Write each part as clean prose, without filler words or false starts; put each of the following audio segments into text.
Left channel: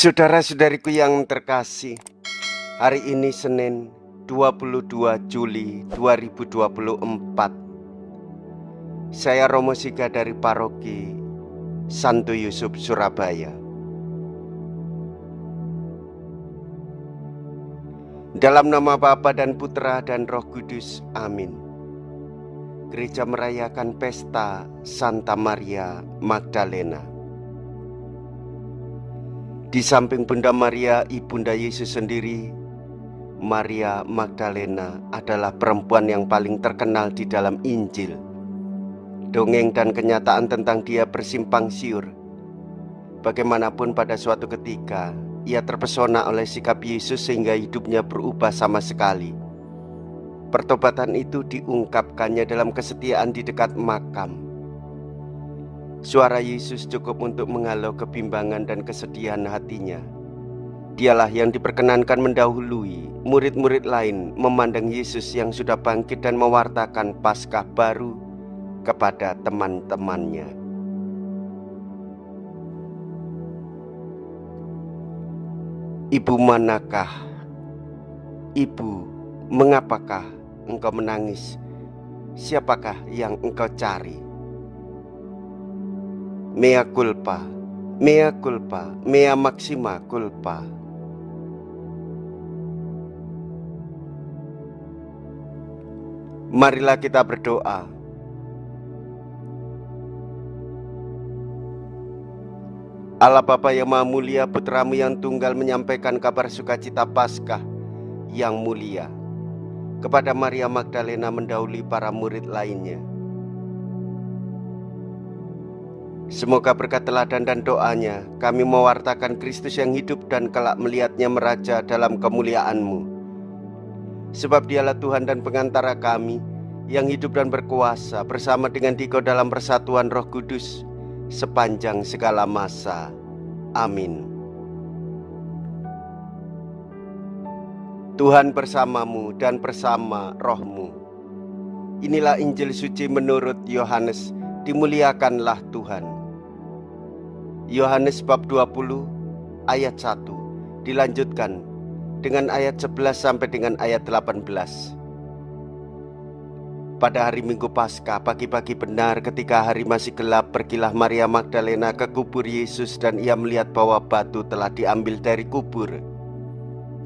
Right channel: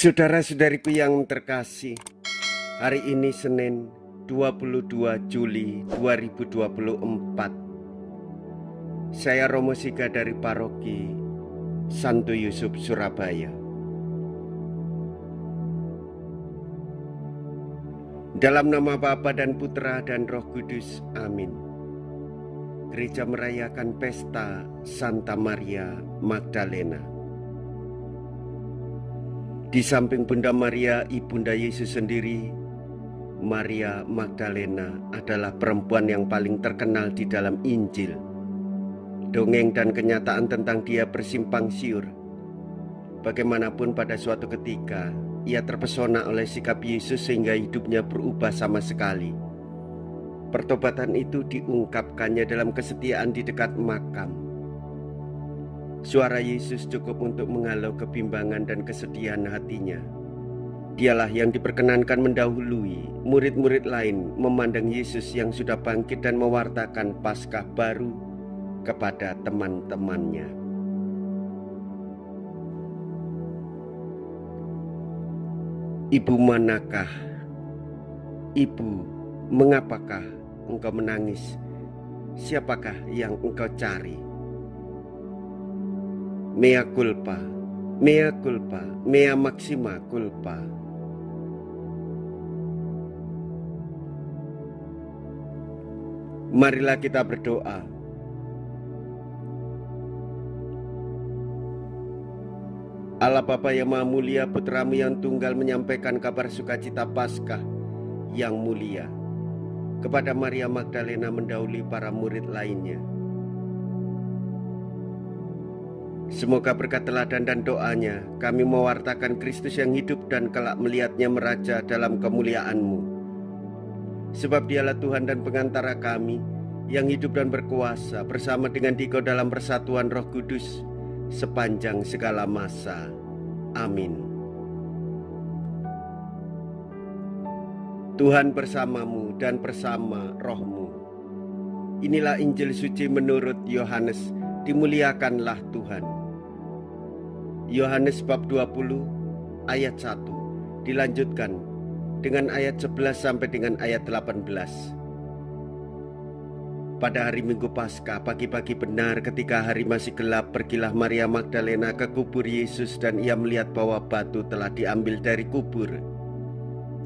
Saudara-saudariku yang terkasih, hari ini Senin 22 Juli 2024. Saya Romo Siga dari Paroki Santo Yusuf, Surabaya. Dalam nama Bapa dan Putra dan Roh Kudus, amin. Gereja merayakan pesta Santa Maria Magdalena. Di samping Bunda Maria, Ibunda Yesus sendiri, Maria Magdalena adalah perempuan yang paling terkenal di dalam Injil. Dongeng dan kenyataan tentang dia bersimpang siur. Bagaimanapun pada suatu ketika, ia terpesona oleh sikap Yesus sehingga hidupnya berubah sama sekali. Pertobatan itu diungkapkannya dalam kesetiaan di dekat makam. Suara Yesus cukup untuk menghalau kebimbangan dan kesedihan hatinya. Dialah yang diperkenankan mendahului murid-murid lain memandang Yesus yang sudah bangkit dan mewartakan Paskah baru kepada teman-temannya. Ibu manakah? Ibu, mengapakah engkau menangis? Siapakah yang engkau cari? Mea culpa, mea culpa, mea maxima culpa. Marilah kita berdoa. Allah Bapa yang Maha Mulia, Putramu yang tunggal menyampaikan kabar sukacita Paskah yang mulia kepada Maria Magdalena mendahului para murid lainnya. Semoga berkat teladan dan doanya kami mewartakan Kristus yang hidup dan kelak melihatnya meraja dalam kemuliaan-Mu. Sebab dialah Tuhan dan pengantara kami yang hidup dan berkuasa bersama dengan Dikau dalam persatuan Roh Kudus sepanjang segala masa. Amin. Tuhan bersamamu dan bersama rohmu. Inilah Injil suci menurut Yohanes. Dimuliakanlah Tuhan. Yohanes bab 20 ayat 1 dilanjutkan dengan ayat 11 sampai dengan ayat 18. Pada hari Minggu Paskah, pagi-pagi benar ketika hari masih gelap, pergilah Maria Magdalena ke kubur Yesus dan ia melihat bahwa batu telah diambil dari kubur.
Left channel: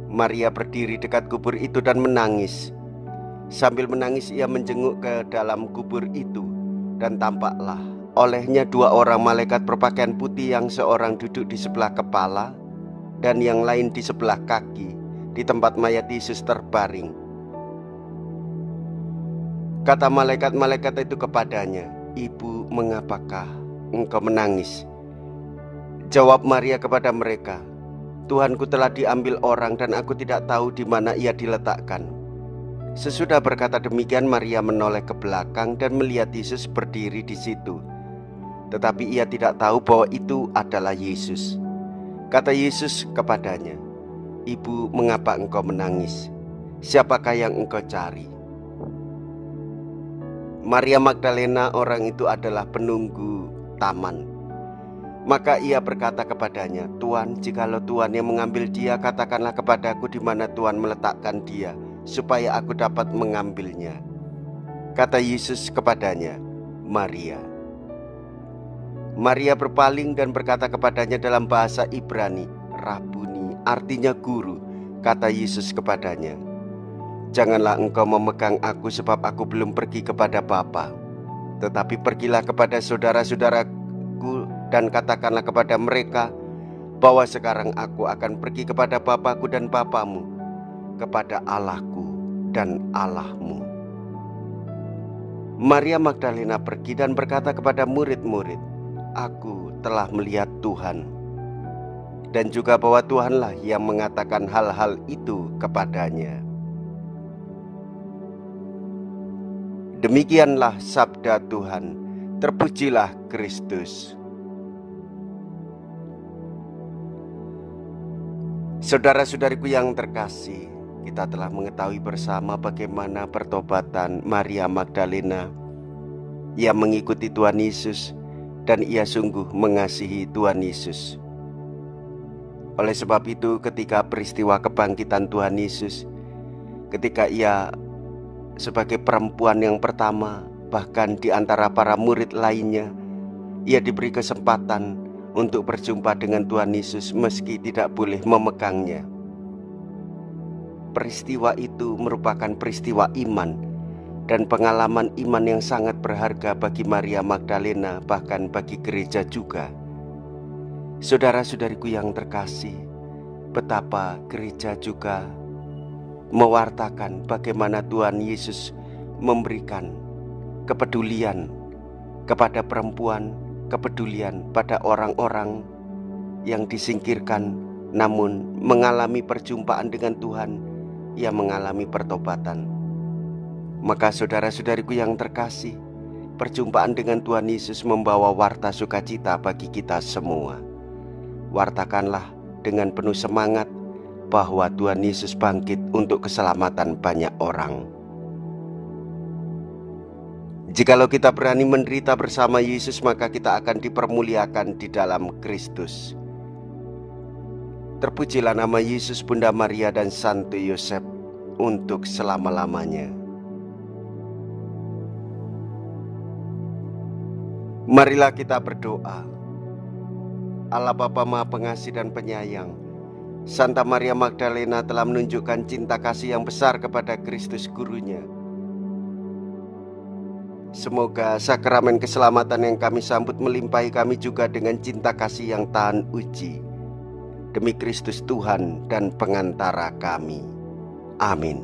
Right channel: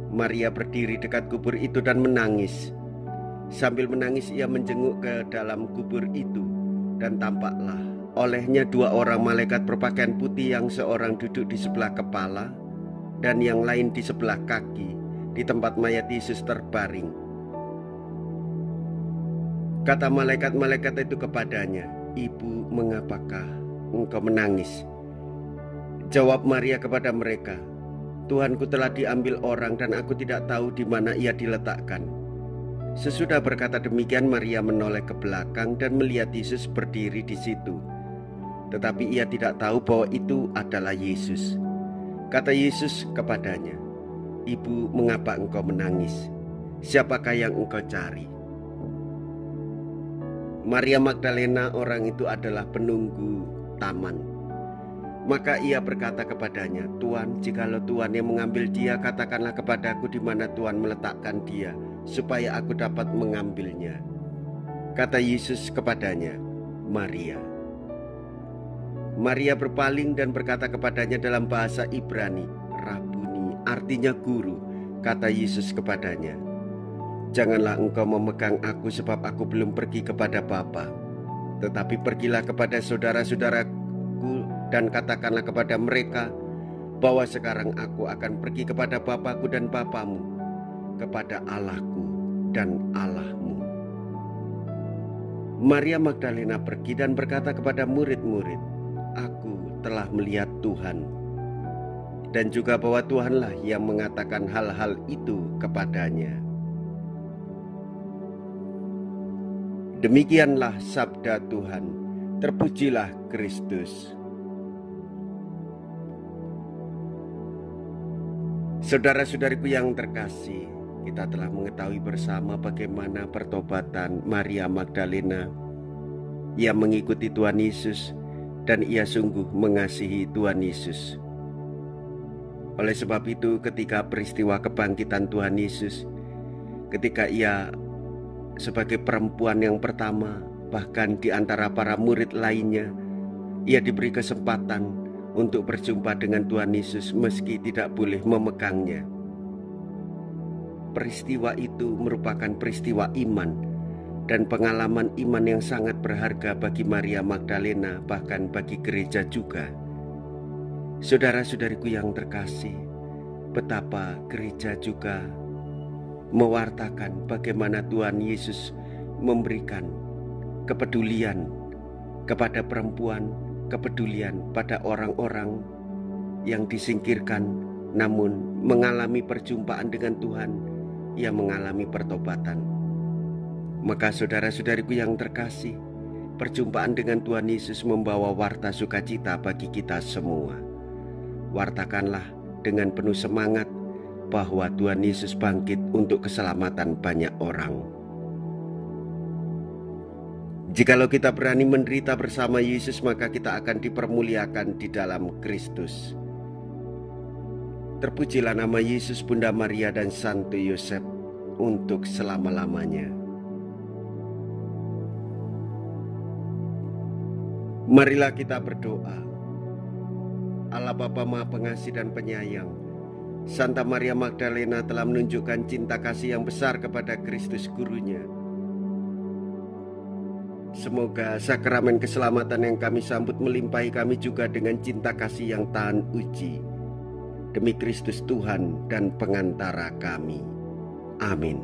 Maria berdiri dekat kubur itu dan menangis. Sambil menangis ia menjenguk ke dalam kubur itu, dan tampaklah olehnya dua orang malaikat berpakaian putih, yang seorang duduk di sebelah kepala dan yang lain di sebelah kaki di tempat mayat Yesus terbaring. Kata malaikat-malaikat itu kepadanya, "Ibu, mengapakah engkau menangis?" Jawab Maria kepada mereka, "Tuhanku telah diambil orang dan aku tidak tahu di mana ia diletakkan." Sesudah berkata demikian, Maria menoleh ke belakang dan melihat Yesus berdiri di situ. Tetapi ia tidak tahu bahwa itu adalah Yesus. Kata Yesus kepadanya, "Ibu, mengapa engkau menangis? Siapakah yang engkau cari?" Maria Magdalena, orang itu adalah penunggu taman. Maka ia berkata kepadanya, "Tuan, jikalau Tuhan yang mengambil dia, katakanlah kepadaku di mana Tuhan meletakkan dia, supaya aku dapat mengambilnya." Kata Yesus kepadanya, "Maria." Maria berpaling dan berkata kepadanya dalam bahasa Ibrani, "Rabuni," artinya guru. Kata Yesus kepadanya, "Janganlah engkau memegang aku, sebab aku belum pergi kepada Bapa. Tetapi pergilah kepada saudara-saudaraku dan katakanlah kepada mereka bahwa sekarang aku akan pergi kepada Bapakku dan Bapamu, kepada Allahku dan Allahmu." Maria Magdalena pergi dan berkata kepada murid-murid, "Aku telah melihat Tuhan," dan juga bahwa Tuhanlah yang mengatakan hal-hal itu kepadanya. Demikianlah sabda Tuhan. Terpujilah Kristus. Saudara-saudariku yang terkasih, kita telah mengetahui bersama bagaimana pertobatan Maria Magdalena. Ia mengikuti Tuhan Yesus dan ia sungguh mengasihi Tuhan Yesus. Oleh sebab itu, ketika peristiwa kebangkitan Tuhan Yesus, ketika ia sebagai perempuan yang pertama, bahkan di antara para murid lainnya, ia diberi kesempatan untuk berjumpa dengan Tuhan Yesus meski tidak boleh memegangnya. Peristiwa itu merupakan peristiwa iman dan pengalaman iman yang sangat berharga bagi Maria Magdalena, bahkan bagi gereja juga. Saudara-saudariku yang terkasih, betapa gereja juga mewartakan bagaimana Tuhan Yesus memberikan kepedulian kepada perempuan, kepedulian pada orang-orang yang disingkirkan, namun mengalami perjumpaan dengan Tuhan, ia mengalami pertobatan. Maka saudara-saudariku yang terkasih, perjumpaan dengan Tuhan Yesus membawa warta sukacita bagi kita semua. Wartakanlah dengan penuh semangat bahwa Tuhan Yesus bangkit untuk keselamatan banyak orang. Jikalau kita berani menderita bersama Yesus, maka kita akan dipermuliakan di dalam Kristus. Terpujilah nama Yesus, Bunda Maria dan Santo Yosef untuk selama-lamanya. Marilah kita berdoa. Allah Bapa Maha Pengasih dan Penyayang, Santa Maria Magdalena telah menunjukkan cinta kasih yang besar kepada Kristus Gurunya. Semoga sakramen keselamatan yang kami sambut melimpahi kami juga dengan cinta kasih yang tahan uji. Demi Kristus Tuhan dan pengantara kami. Amin.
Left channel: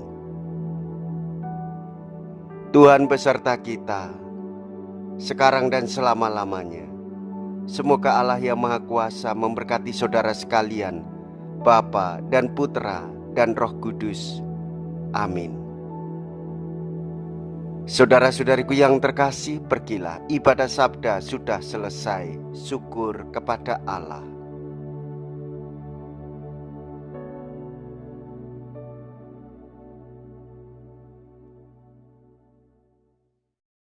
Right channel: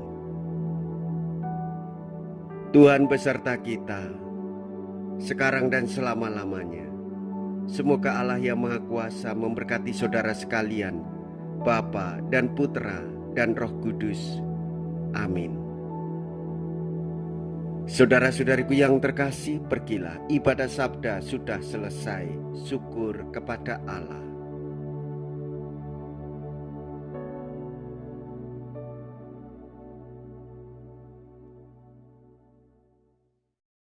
Tuhan beserta kita, sekarang dan selama-lamanya. Semoga Allah yang Maha Kuasa memberkati saudara sekalian, Bapa dan Putra dan Roh Kudus. Amin. Saudara-saudariku yang terkasih, pergilah, ibadah sabda sudah selesai. Syukur kepada Allah.